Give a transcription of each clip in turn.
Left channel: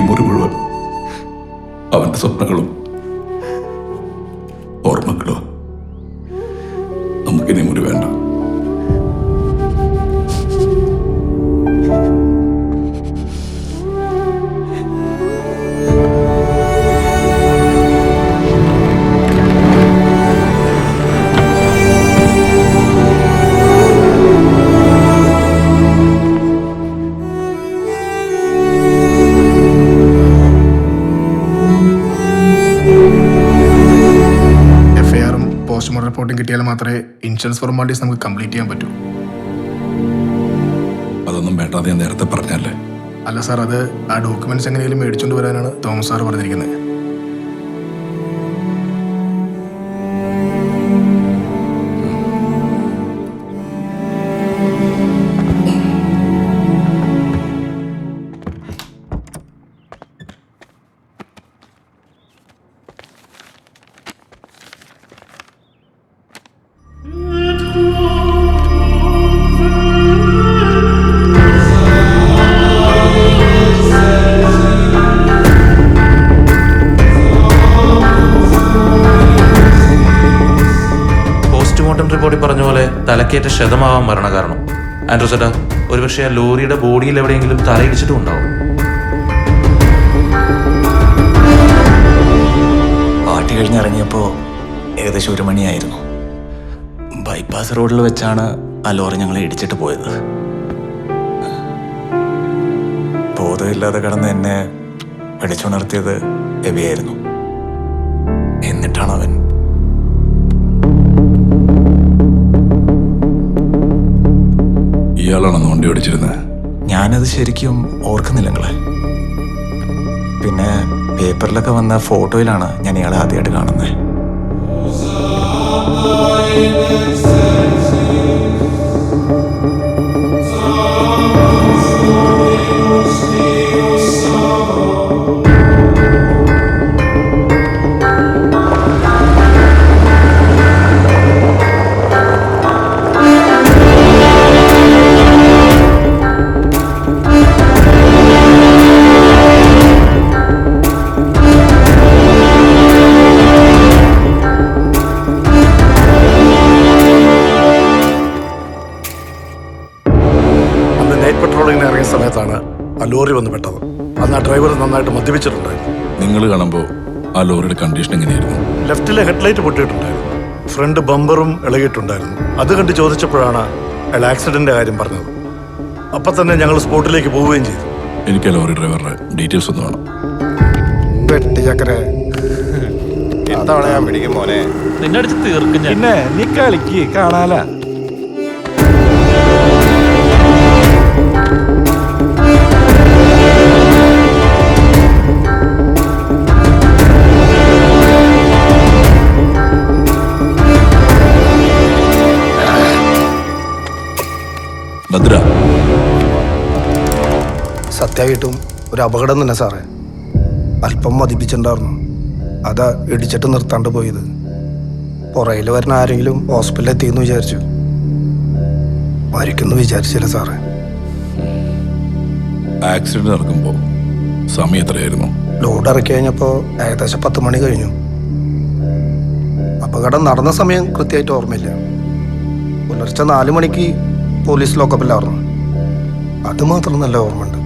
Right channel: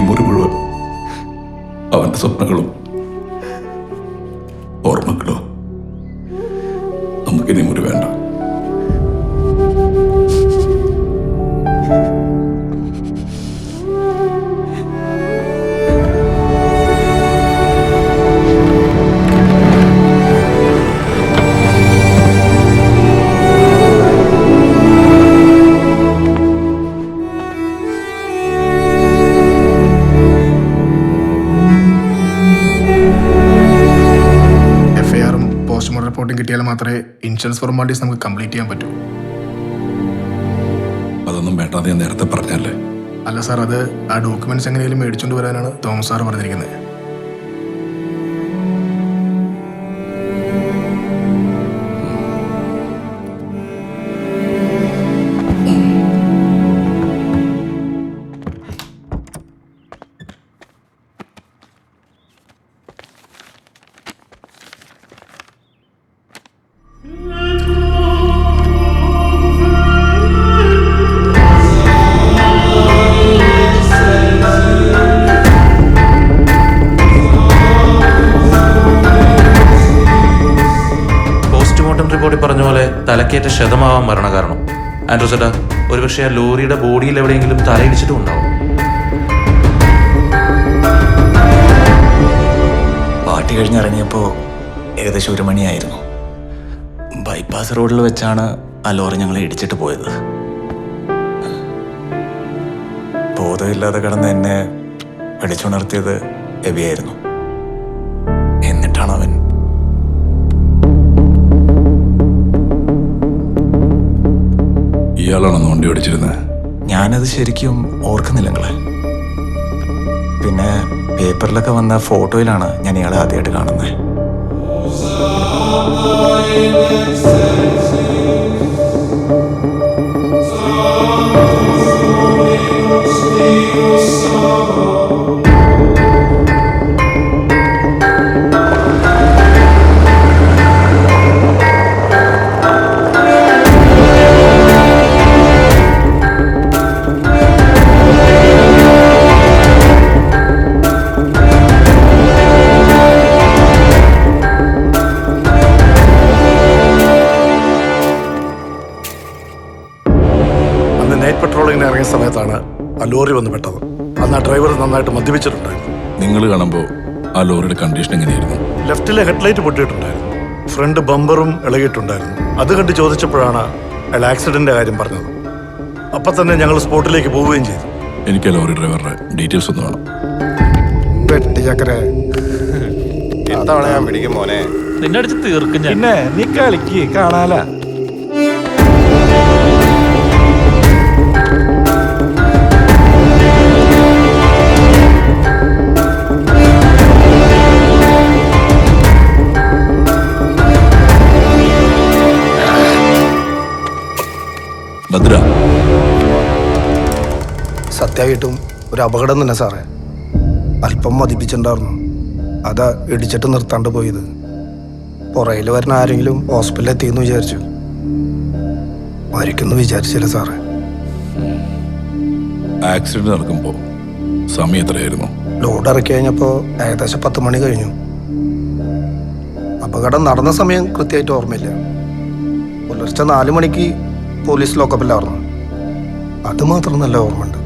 ഈ മുറി മുഴുവൻ അവന്റെ സ്വപ്നങ്ങളും ഓർമ്മകളും. നമുക്കിനി മുറി വേണ്ട. പോസ്റ്റ്മോർട്ടം റിപ്പോർട്ടും കിട്ടിയാൽ മാത്രമേ ഇൻഷുറൻസ് ഫോർമാലിറ്റീസ് നമുക്ക് കംപ്ലീറ്റ് ചെയ്യാൻ പറ്റൂ. അതൊന്നും വേണ്ടാതെ ഞാൻ നേരത്തെ പറഞ്ഞല്ലേ. അല്ല സാർ, അത് ആ ഡോക്യുമെന്റ്സ് എങ്ങനെയും മേടിച്ചുകൊണ്ട് വരാനാണ് തോമസ് സാർ പറഞ്ഞിരിക്കുന്നത്. പോസ്റ്റ്മോർട്ടം റിപ്പോർട്ടിൽ പറഞ്ഞ പോലെ തലക്കേറ്റ ക്ഷതമാവാൻ മരണകാരണം. ആൻഡ്രൂസേട്ടാ, ഒരുപക്ഷെ ആ ലോറിയുടെ ബോഡിയിൽ എവിടെയെങ്കിലും തലയിടിച്ചിട്ടും ഉണ്ടാവും. പാർട്ടി കഴിഞ്ഞിറങ്ങിയപ്പോൾ ഏകദേശം 1 മണിയായിരുന്നു. ബൈപ്പാസ് റോഡിൽ വെച്ചാണ് ആ ലോറി ഞങ്ങളെ ഇടിച്ചിട്ട് പോയത്. ബോധമില്ലാതെ കിടന്ന് എന്നെ വിളിച്ചുണർത്തിയത് എബിയായിരുന്നു. എന്നിട്ടാണ് അവൻ ഇയാളാണെന്ന് വണ്ടി ഓടിച്ചിരുന്നത്. ഞാനത് ശരിക്കും ഓർക്കുന്നില്ല നിങ്ങളെ. പിന്നെ പേപ്പറിലൊക്കെ വന്ന ഫോട്ടോയിലാണ് ഞാൻ ഇയാളെ ആദ്യമായിട്ട് കാണുന്നത്. നൈറ്റ് പെട്രോളിങ്ങിന് ഇറങ്ങിയ സമയത്താണ് ആ ലോറി വന്ന് പെട്ടത്. അന്ന് ആ ഡ്രൈവർ നന്നായിട്ട് മദ്യപിച്ചിട്ടുണ്ടായിരുന്നു. നിങ്ങൾ കാണുമ്പോൾ ആ ലോറിയുടെ കണ്ടീഷൻ എങ്ങനെയായിരുന്നു? ലെഫ്റ്റിലെ ഹെഡ്ലൈറ്റ് പൊട്ടിയിട്ടുണ്ടായിരുന്നു, ഫ്രണ്ട് ബമ്പറും ഇളകിയിട്ടുണ്ടായിരുന്നു. അത് കണ്ട് ചോദിച്ചപ്പോഴാണ് അയാൾ ആക്സിഡന്റിന്റെ കാര്യം പറഞ്ഞത്. അപ്പം തന്നെ ഞങ്ങൾ സ്പോട്ടിലേക്ക് പോവുകയും ചെയ്തു. എനിക്ക് ലോറി ഡ്രൈവറുടെ ഡീറ്റെയിൽസ് ഒന്ന് വേണം. ഇത്തവണ ഞാൻ പിടിക്കും മോനെ. നിന്നെ അടിച്ച് തീർക്കും ഞാൻ. പിന്നെ നീ കളിക്ക്, കാണാല. ഭദ്ര, സത്യമായിട്ടും ഒരു അപകടം തന്നെ സാറേ. അല്പം മതിപ്പിച്ചിട്ടുണ്ടായിരുന്നു, അതാ ഇടിച്ചിട്ട് നിർത്താണ്ട് പോയത്. പുറയിൽ വരുന്ന ആരെങ്കിലും ഹോസ്പിറ്റലിൽ എത്തിയെന്ന് വിചാരിച്ചു. മരിക്കുന്നു വിചാരിച്ചില്ല സാറേ. ആക്സിഡന്റ് നടക്കുമ്പോൾ സമയം എത്രയായിരുന്നു? ലോഡ് ഇറക്കി കഴിഞ്ഞപ്പോൾ ഏകദേശം 10 മണി കഴിഞ്ഞു. അപകടം നടന്ന സമയം കൃത്യമായിട്ട് ഓർമ്മയില്ല. പുലർച്ചെ 4 മണിക്ക് പോലീസ് ലോക്കപ്പിലായിരുന്നു. അത് മാത്രം നല്ല ഓർമ്മയുണ്ട്.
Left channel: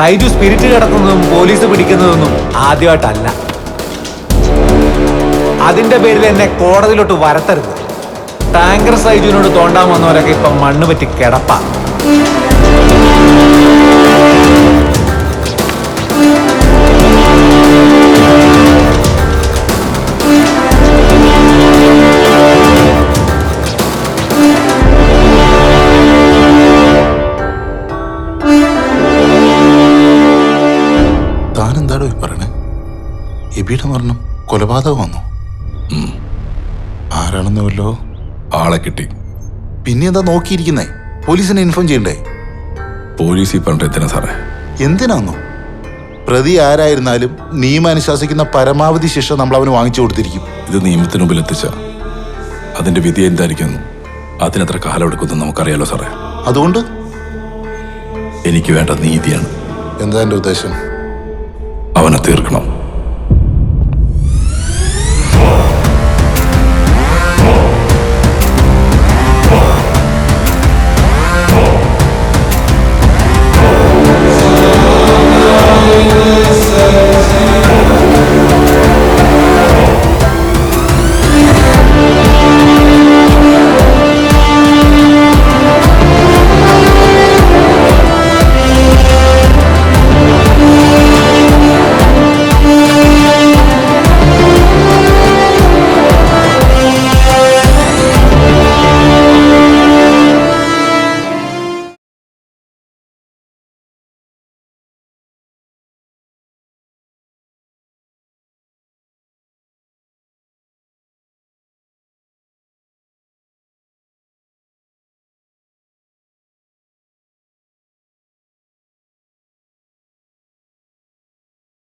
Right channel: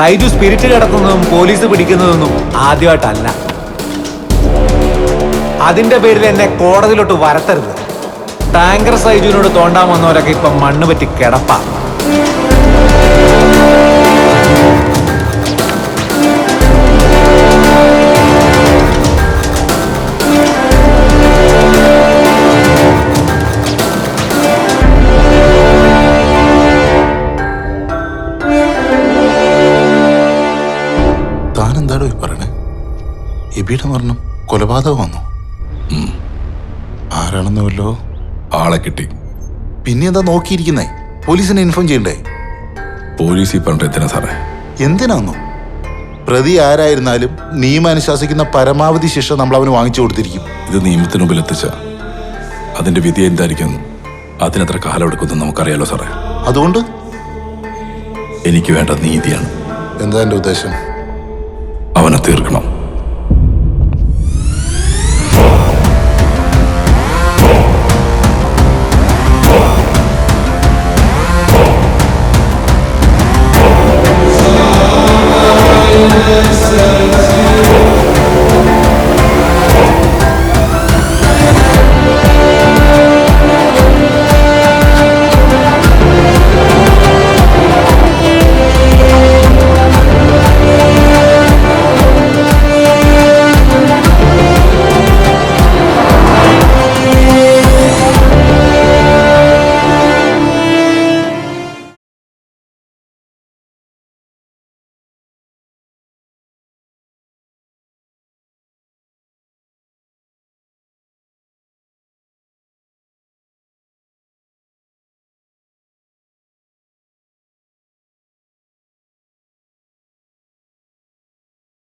സൈജു സ്പിരിറ്റ് കിടക്കുന്നതും പോലീസ് പിടിക്കുന്നതൊന്നും ആദ്യമായിട്ടല്ല. അതിന്റെ പേരിൽ എന്നെ കോടതിയിലോട്ട് വരത്തരുത്. ടാങ്കർ സൈജുവിനോട് തോണ്ടാൻ വന്നവരൊക്കെ ഇപ്പം മണ്ണ് പറ്റി കിടപ്പാ. താൻ എന്താടോ ഈ പറയണേ? എബിയുടെ മരണം കൊലപാതകമാണോ? ആരാണെന്ന് വല്ലോ? ആളെ കിട്ടി. പിന്നെ എന്താ നോക്കിയിരിക്കുന്നേ? പോലീസിനെ ഇൻഫോം ചെയ്യണ്ടേ? പോലീസ് ഈ പറഞ്ഞിട്ട് എന്തിനാ സാറേ? എന്തിനാന്നോ? പ്രതി ആരായിരുന്നാലും നിയമം അനുശാസിക്കുന്ന പരമാവധി ശിക്ഷ നമ്മൾ അവന് വാങ്ങിച്ചു കൊടുത്തിരിക്കും. ഇത് നിയമത്തിന് മുമ്പിൽ എത്തിച്ച അതിന്റെ വിധി എന്തായിരിക്കും, അതിനെത്ര കാലം എടുക്കുമെന്ന് നമുക്കറിയാലോ സാറേ. അതുകൊണ്ട് എനിക്ക് വേണ്ട നീതിയാണ്. എന്താ എൻ്റെ ഉദ്ദേശം? അവനെ തീർക്കണം.